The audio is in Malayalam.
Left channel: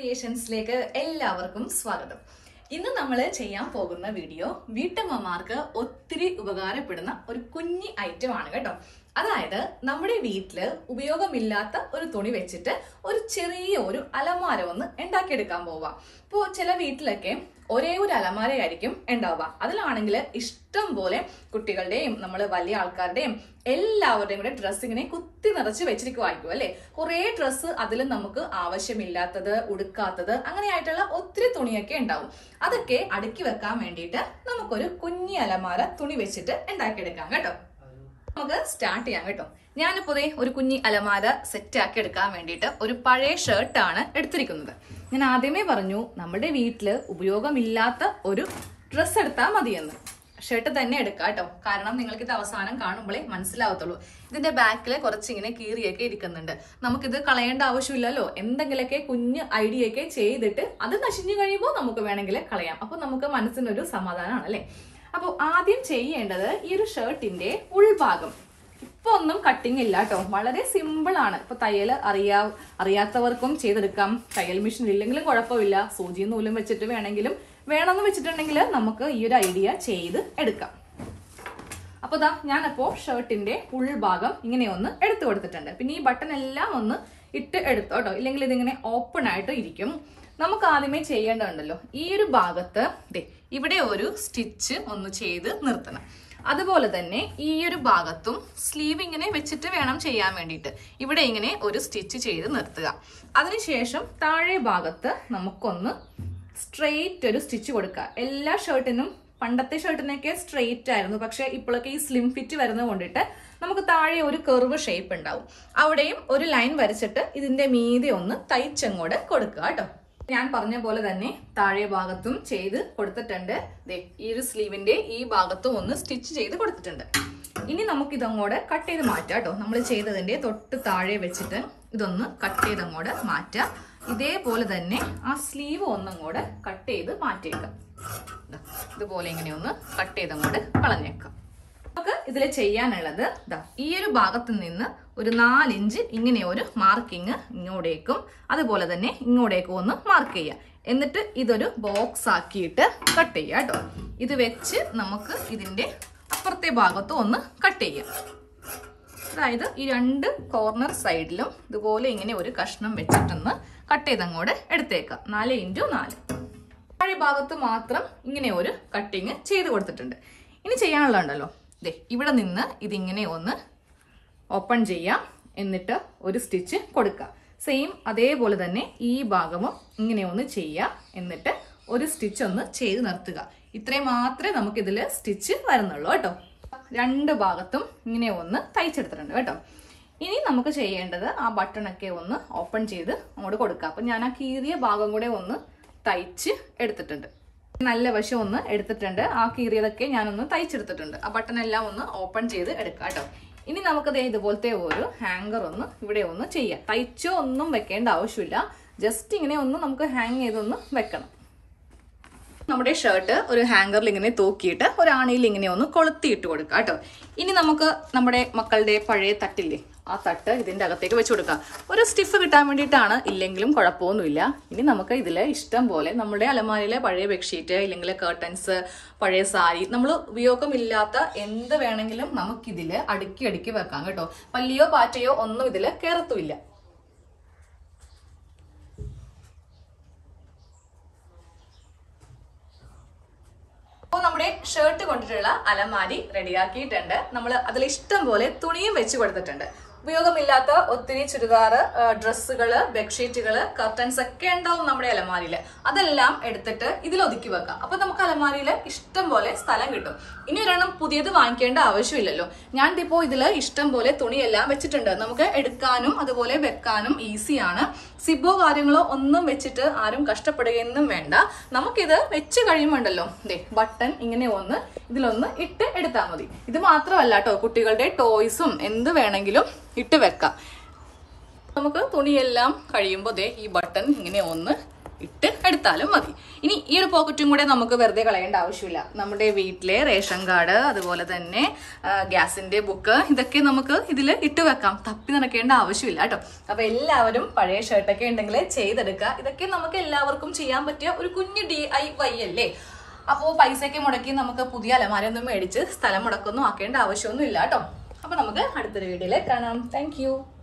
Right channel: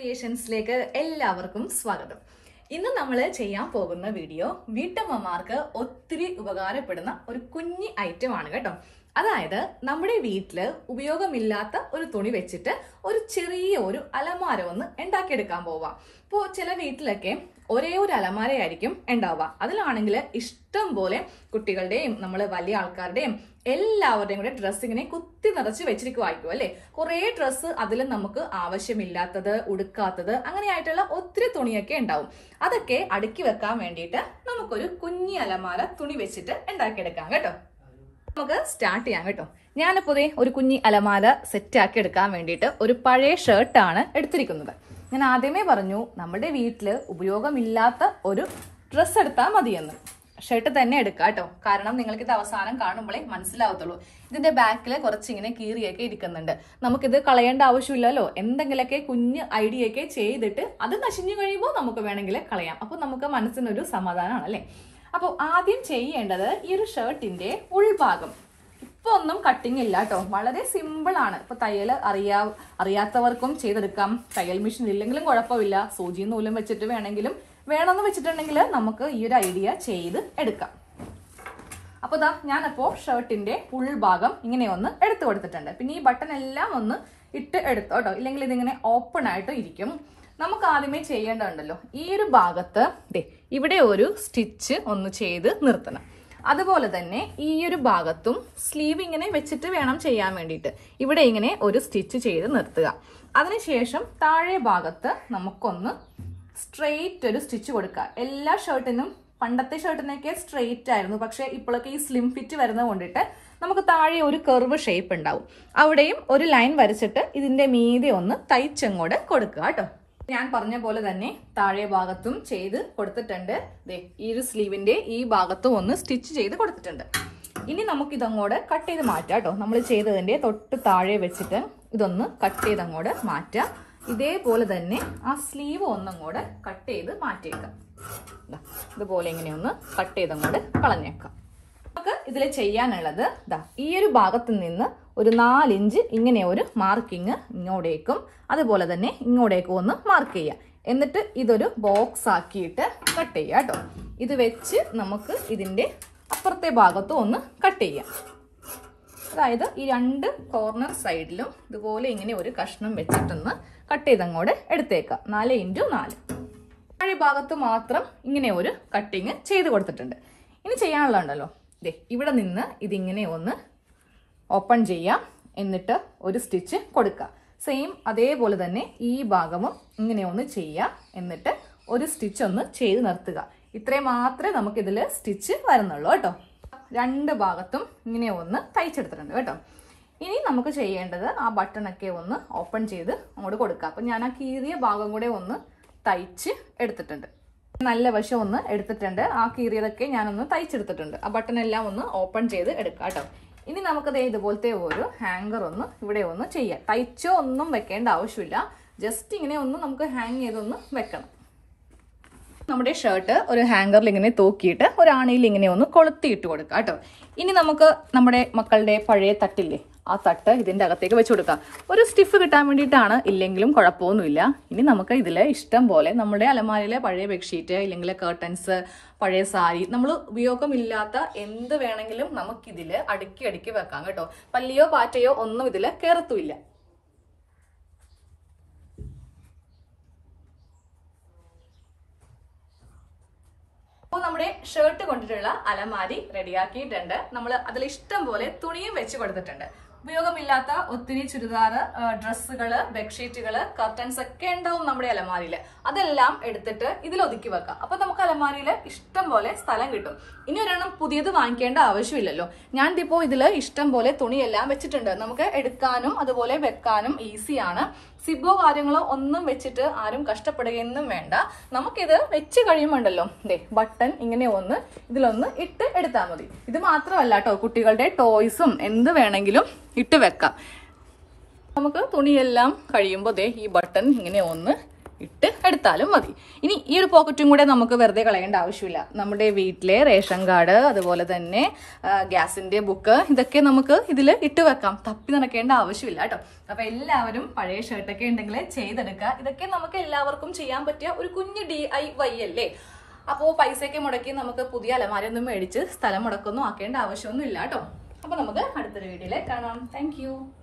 ക്രിയേഷൻസിലേക്ക് എല്ലാവർക്കും സ്വാഗതം. ഇന്ന് നമ്മൾ ചെയ്യാൻ പോകുന്ന വീഡിയോ വീട്ടമ്മമാർക്ക് ഒത്തിരി ഉപകാരപ്പെടുന്ന ഒരു കുഞ്ഞി ഐറ്റം ആണ് കേട്ടോ. അതായത് നമ്മുടെ വീട്ടില് ഉപയോഗമില്ലാത്ത ഒരു തുണി വെച്ചിട്ട് ഒരു ചെറിയ ഒരു അലമാര ഒന്ന് ഉണ്ടാക്കിയെടുക്കാൻ പോവാം. ഇപ്പോൾ ചില വീട്ടിലൊക്കെ ഒരേ ഒരു അലമാരയായിരിക്കും ഉണ്ടാവുക. അതിലാണെങ്കിൽ ഇഷ്ടം പോലെ കുട്ടികളുടെയും നമ്മൾ വലിയ ആൾക്കാരുടെയും എല്ലാവരുടെയും കൂടെ ഡ്രസ്സ് ഇങ്ങനെ കുത്തി നിറച്ച് വെച്ചിരിക്കുമായിരിക്കും അല്ലെ. കുറെ ഡ്രസ്സ് അതിൽ നമുക്ക് ആവശ്യമില്ലാത്തത്, ഉടുക്കാത്തത്, അങ്ങനെയായിട്ടുള്ള ഒത്തിരി തുണിയൊക്കെ ഉണ്ടാവും. അതൊക്കെ അടുക്കി വെക്കാൻ വേണ്ടിയിട്ട് നമുക്കൊരു കുഞ്ഞി അലമാര തുണി വെച്ചിട്ട് ഉണ്ടാക്കിയെടുക്കാം കേട്ടോ. നമുക്ക് സ്റ്റാർട്ട് ചെയ്യാം കേട്ടോ. ഞാനിപ്പോ ഒരു കുഞ്ഞി അലമാര സെറ്റ് ആക്കി എടുക്കാൻ വേണ്ടിയിട്ട് ഒരു പഴയ ഷർട്ടാണ് എടുത്തിരിക്കുന്നത്. ഞാൻ ആദ്യമേ പറഞ്ഞു നമ്മുടെ വീട്ടില് ഉപയോഗമില്ലാത്ത ഒരു ഡ്രസ്സ് എടുത്താൽ മതിയെന്ന്. ഷർട്ട് തന്നെ എടുക്കാം കേട്ടോ, കാരണം നിങ്ങൾക്ക് ഇത് അവസാനം കാണുമ്പോഴേ മനസ്സിലാവത്തുള്ളൂ. ഇതിന്റെ ബാക്കിൽ കുറച്ചിങ്ങനെ കീറിയൊക്കെ ഇരിക്കുന്നുണ്ട്. നമുക്കിത് കളയേണ്ട ആവശ്യമില്ലല്ലോ. എന്തെങ്കിലുമൊക്കെ കുഞ്ഞ് ഐഡിയ ഒക്കെ ചെയ്തിട്ട് അത് നശിഞ്ഞു കഴിയുമ്പോൾ നമുക്ക് വേണമെങ്കിൽ കളയാം. അപ്പൊ നമുക്ക് മനസ്സിനൊരു സമാധാനമാണ് അല്ലെ. അപ്പോൾ ആദ്യം ചെയ്യേണ്ടത് ഈ ഒരു ഷർട്ടിന്റെ ഉൾഭാഗം. ഇപ്പൊ ഒന്നും കട്ടിങ് ഇല്ല കേട്ടോ, വളരെ സിമ്പിൾ ആണ്. ഇപ്പൊ തയ്യൽ അറിയാത്തവർക്കും ചെയ്തെടുക്കാം. തയ്യൽ മെഷീൻ ഇല്ലെങ്കിലും കുഴപ്പമില്ല. സൂചി നൂലും വെച്ചിട്ട് വേണമെന്ന് വെച്ചിട്ടുണ്ടെങ്കിൽ നമുക്ക് ഈ ഒരു ഐഡിയ ചെയ്ത് എടുക്കാം. അപ്പൊ ഞാനപ്പോ ഷർട്ടിന്റെ ഉൾഭാഗം ഇങ്ങനെ ഒന്ന് എടുത്തു കൊടുത്തിട്ടുണ്ട്. പിന്നെ ഈ ബട്ടൺ എല്ലാം ഒന്ന് ഇട്ട് എടുത്തോ കേട്ടോ, ഇല്ലെങ്കിൽ ഇതിങ്ങനെ ഓപ്പൺ ആയിട്ട് ഇരിക്കും. നമുക്ക് ആദ്യമേ ചെയ്യേണ്ടതുണ്ടല്ലോ, ഈ ഒരു ഭാഗത്ത് ഇവിടെ ഒരു സ്റ്റിച്ച് ഒന്ന് ചെയ്ത് നിർത്തണം. അതുപോലെ തന്നെ ഈ ഒരു ഭാഗത്തും സ്ലീവ് ഇങ്ങനെ വെച്ചിട്ട് വേണം ചെയ്യാൻ വേണ്ടിയിട്ട്. ഇവിടെ ഇങ്ങനെ ഒരു സ്റ്റിച്ച് ചെയ്ത് നിർത്തുക. അതിനുശേഷം താഴെ ഭാഗത്ത് നമുക്കൊന്ന് സ്ട്രെയിറ്റ് ഒരു സ്റ്റിച്ച് കൊടുക്കുക. എല്ലാ ഷർട്ടിനും പണ്ടത്തെ ഷർട്ടിനൊക്കെ സ്ട്രെയിറ്റ് ആയിരുന്നു, പക്ഷെ ഇപ്പോഴൊക്കെ ഈ സ്ലിം ഫിറ്റ് വരുന്നത് കൊണ്ടിട്ട് നമുക്ക് താഴെ ഒരു കർവ് ഷേപ്പ് ഉണ്ടാവും. അവിടെയും ഒരു ലൈൻ വരച്ചിട്ട് ഇതിന്റെ മീതെ ഒന്ന് തയ്ച്ചങ്ങോട്ട് കൊടുക്കുക കേട്ടോ. ഞാൻ പറഞ്ഞ പോലെ തന്നെ താഴെ ഭാഗത്തും ചെയ്ത് കൊടുത്തിട്ടുണ്ട്. ഈ ഒരു സ്ലീവിന്റെ ഈ ഭാഗത്തും ഒന്ന് സ്റ്റിച്ച് ചെയ്ത് കൊടുത്തിട്ടുണ്ട്. ഇനി നമുക്ക് ഇതങ്ങോട്ട് കട്ട് ചെയ്ത് മാറ്റാം കേട്ടോ. നമ്മൾ ചെയ്തതിന്റെ തൊട്ട് താഴെ വെച്ചിട്ട് ഇതൊന്ന് കട്ട് ചെയ്ത് അങ്ങോട്ട് മാറ്റാം. ഇതേപോലെ തന്നെ ആ സ്ലീവ് ഒന്നങ്ങോട്ട് കട്ട് ചെയ്ത് മാറ്റിയേക്കാം. ഇതുപോലെ ഇങ്ങനെ ഒന്ന് കട്ട് ചെയ്ത് അങ്ങോട്ട് കളഞ്ഞേക്കാം. നമുക്ക് ഇതിൽ ചെയ്യാനുള്ളത് ഈ ഒരു ഭാഗത്ത് നിന്ന് ഒരു 4 ഇഞ്ച് ഇങ്ങനെ ഒരു മാർക്കിങ് ഇങ്ങോട്ടേക്കും അതുപോലെ തന്നെ ഇങ്ങോട്ടേക്കും ഒന്ന് മാർക്ക് ചെയ്യാം. എന്നിട്ട് ഇതൊരു ബോക്സ് ആക്കിയിട്ട് കട്ട് ചെയ്യാം കേട്ടോ. ഇത് വെച്ച് നമുക്ക് ഇതിന്റെ അപ്പുറത്തെ ഭാഗത്തും ഒന്ന് കട്ട് ചെയ്യാം. അതായത് ഈ 2 കോർണർ സൈഡിലും ഇതുപോലെ ഇങ്ങനെ ഒരു കഷ്ണം വെച്ചിട്ടൊന്ന് കട്ട് ചെയ്തങ്ങോട്ട് എടുത്തേക്കാം. 4x4. താഴെ ഭാഗത്ത് മാത്രം ഇങ്ങനെ ഒരു കട്ടിങ് ചെയ്ത് കൊടുത്തിട്ടുണ്ട്. ഇനി ചെയ്യാനുള്ളതുണ്ടല്ലോ, ഇവിടെ നിന്ന് ഇതിങ്ങനെ ഒന്ന് ഓപ്പൺ ചെയ്യാം. എന്നിട്ട് ഒരു സ്റ്റിച്ച് കൊടുക്കുക. സെയിം അതേപോലെ തന്നെ ഈ ഭാഗവും ഇങ്ങനെ ഒന്ന് ചെയ്യാം. എന്നിട്ട് ഒരു സ്റ്റിച്ച് ഒന്ന് ചെയ്ത് നിർത്തുക. ഇത്രയും മാത്രമേ നമുക്കിതിൽ സ്റ്റിച്ച് വരുന്നുള്ളൂ കേട്ടോ. 2 ഭാഗത്തും ഇങ്ങനെ ഒന്ന് തയ്ച്ചെടുത്തിട്ടുണ്ട് കേട്ടോ. ഇനി നമുക്ക് ചെയ്യേണ്ടത് ആ ബട്ടണൊക്കെ ഒന്ന് ഓപ്പൺ ചെയ്ത് അങ്ങോട്ട് കൊടുക്കുക. അപ്പം ഞാൻ ആ കീറിയ ഭാഗം കൂടെ ഒന്ന് തയ്ച്ച് എടുത്തിട്ടുണ്ട്. നല്ല വശം ഒന്ന് എടുത്തിട്ടുണ്ട്. ആ കീറിയതൊക്കെ ഞാനൊന്ന് തയ്ച്ചെടുത്തിട്ടുണ്ട്. ആ ബട്ടൺ എല്ലാം ഒന്ന് ഓപ്പൺ ചെയ്ത് എടുക്കാം കേട്ടോ. ഇനി നമുക്കത് ഇതുപോലത്തെ ഒരു ഹാങ്കർ ഒന്ന് ഇവിടെ ഒന്ന് ചെയ്യാം. തയ്ച്ചോ ഒന്നും വെക്കേണ്ട ആവശ്യമില്ല. ജസ്റ്റ് ഇങ്ങനെ ഒന്ന് നമുക്ക് ഹാങ് ചെയ്തൊന്ന് വെക്കണം. നമ്മുടെ ഷർട്ട് ഒരു ഹാങ്കറിൽ ഇങ്ങനെ തൂക്കിയിട്ട് ഒരു ആണിയിൽ ഇങ്ങനെ ഒന്ന് കൊളുത്തിയിട്ട് കൊടുക്കാം കേട്ടോ. ഇനി നമുക്ക് നമ്മുടെ മക്കളുടെ പഴയ തട്ടില്ലേ, ആ തട്ട് ഇതിന്റെ അകത്തേക്ക് വെച്ച് കൊടുക്കാം. ഒരു സ്റ്റിഫ് കിട്ടാൻ വേണ്ടിയിട്ടാണ്, ഇല്ലെങ്കിലും കുഴപ്പമൊന്നുമില്ല. ഇനി നമുക്ക് ഇതില് ഇഷ്ടം പോലെ നമ്മുടെ അലമാരയിലെ പഴയ ബെഡ്ഷീറ്റ് ഇല്ലെങ്കിൽ കർട്ടൻസ്, പഴയ സാരി, നമ്മൾ ഉപയോഗമില്ലാത്ത എന്ത് വേണമെങ്കിലും നമുക്കിതില് അടുക്കി വെക്കാം കേട്ടോ. പല്ലിയോ പാറ്റയോ ഒന്നും ഇതില് കയറത്തുമില്ല. അപ്പോൾ നമ്മുടെ ഷർട്ട് കൊണ്ടിട്ടുള്ള അലമാരി റെഡിയാക്കിയിട്ടുണ്ട്. നമ്മൾ അതിൽ ഇഷ്ടം പോലെ തുണിയും വെച്ച് കൊടുത്തിട്ടുണ്ട്. ഉപയോഗമില്ലാത്ത ഒത്തിരി ചുരിദാർ, ഡ്രസ്സുകള്, ബെഡ്ഷീറ്റുകള്, കർട്ടൻസ് ഒക്കെ ഉണ്ടാവും നമ്മുടെ അലമാരിയില്. അതെല്ലാം എടുത്തിട്ട് ഇതിൽ ഒതുക്കി വെക്കാം. അപ്പൊ നമുക്ക് അലമാരിയില് ഇഷ്ടം പോലെ സ്ഥലം കിട്ടും. ഇനി ഒരെണ്ണം പുതിയത് വാങ്ങിക്കേണ്ട ആവശ്യമില്ലല്ലോ. ഞാൻ ഇപ്പോ ഇതില് ഇഷ്ടം പോലെ തുണിയെല്ലാം വെച്ചിട്ടുണ്ട്. നമുക്ക് എടുക്കാനും അതുപോലെ വെക്കാനും ഈസിയാണ്. സിബോ കാര്യങ്ങളോ ഒന്നും വെച്ചിട്ട് ആരും കഷ്ടപ്പെടുകയൊന്നും വേണ്ട. നമുക്കിത് വെച്ച് കഴിയുമ്പോണ്ടല്ലോ ബട്ടൺ ഇങ്ങനെ ഒന്ന് ഇതിലൊന്ന് ഇട്ട് എടുത്താൽ മതി. ഇത് മാത്രമല്ല കേട്ടോ, കുട്ടികളുടെ ടോയ്സും എന്ത് വേണമെങ്കിലും ഇട്ട് വെക്കാം. നമുക്ക് തുണിയെല്ലാം കഴിയുമ്പോൾ ഈ ബട്ടൺ ഇങ്ങനെ ഒന്ന് ഇട്ട് എടുത്താലും മതി. ഇനി ഈ ഒരു പോക്കറ്റും കൂടെ നമുക്ക് വെറുതെ കളയേണ്ട ആവശ്യമില്ല. നമ്മുടെ വീട്ടിലെ റേഷൻ കാർഡ്, അതുപോലെ തന്നെ ഗ്യാസിന്റെ ബുക്ക്, ഇതൊക്കെ നമുക്ക് ഇതിൽ ഇട്ട് വെക്കാം. തപ്പി നടക്കേണ്ട ആവശ്യമില്ല കേട്ടോ. അപ്പൊ എല്ലാവരും പഴയ ഷർട്ടൊക്കെ ഉണ്ടെങ്കിൽ ചെയ്തെടുക്കുക. ഇതൊക്കെ നമുക്ക് എല്ലാവർക്കും ചെയ്യാൻ പറ്റിയ ഒരു കുഞ്ഞു DIY അല്ലേ. അപ്പോൾ പൈസയൊക്കെ മുടക്കി നമുക്ക് പുതിയ അലമാരയൊന്നും മേടിച്ച് സ്ഥലം മുടക്കൊന്നും ആക്കേണ്ട ആവശ്യമൊന്നും ഇല്ല കേട്ടോ. അപ്പൊ നമുക്ക് അടുത്തൊരു വീഡിയോയിൽ കാണാം. താങ്ക്